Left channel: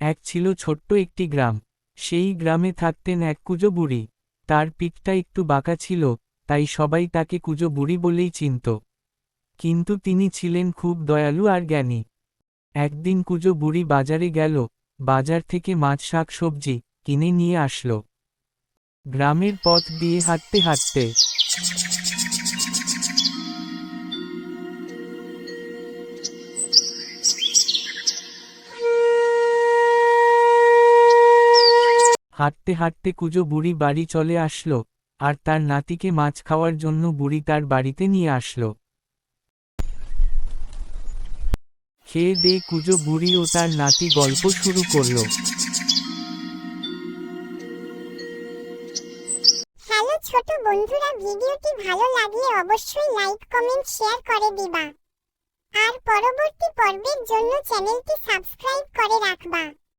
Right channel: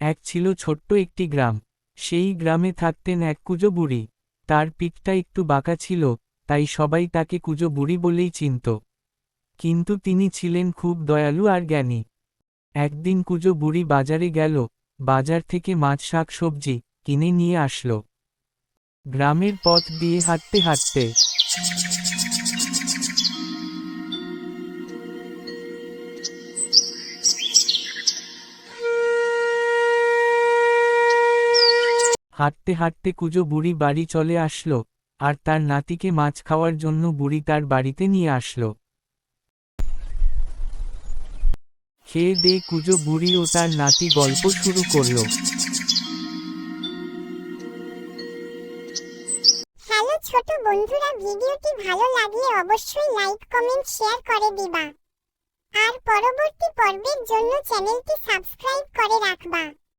এক ছিল ছোট্ট একটি গ্রাম। সেই গ্রামে থাকতেন এক কুঁজো বুড়ি। তার পিঠটা একটু বাঁকা ছিল, তাই সবাই তাকে কুঁজো বুড়ি বলেই চিনত। কিন্তু তিনি ছিলেন খুব দয়ালু আর জ্ঞানী। একদিন কুঁজো বুড়ি বাজারে গেল, বাজার থেকে মাছ শাক সবজি কিনে নিয়ে আসলো। গ্রামের পথ দিয়ে হাঁটতে হাঁটতে হাঁটতে হাঁটতে কুঁজো বুড়ি বাড়ি চলে আসলো, আর তার নাতিকে মাছ খাওয়ার জন্য বুড়ি তার বাড়িতে নিয়ে আসলো। খেয়ে দিয়ে কুঁজো বুড়ি ও তার নাতি গল্প শুরু করলো। হ্যালো ছোট বন্ধুরা, ভিডিওটি ভালো লাগলে অবশ্যই লাইক কমেন্ট শেয়ার করে দিবা। আর পরবর্তী পর্বের জন্য চ্যানেলটি সাবস্ক্রাইব করে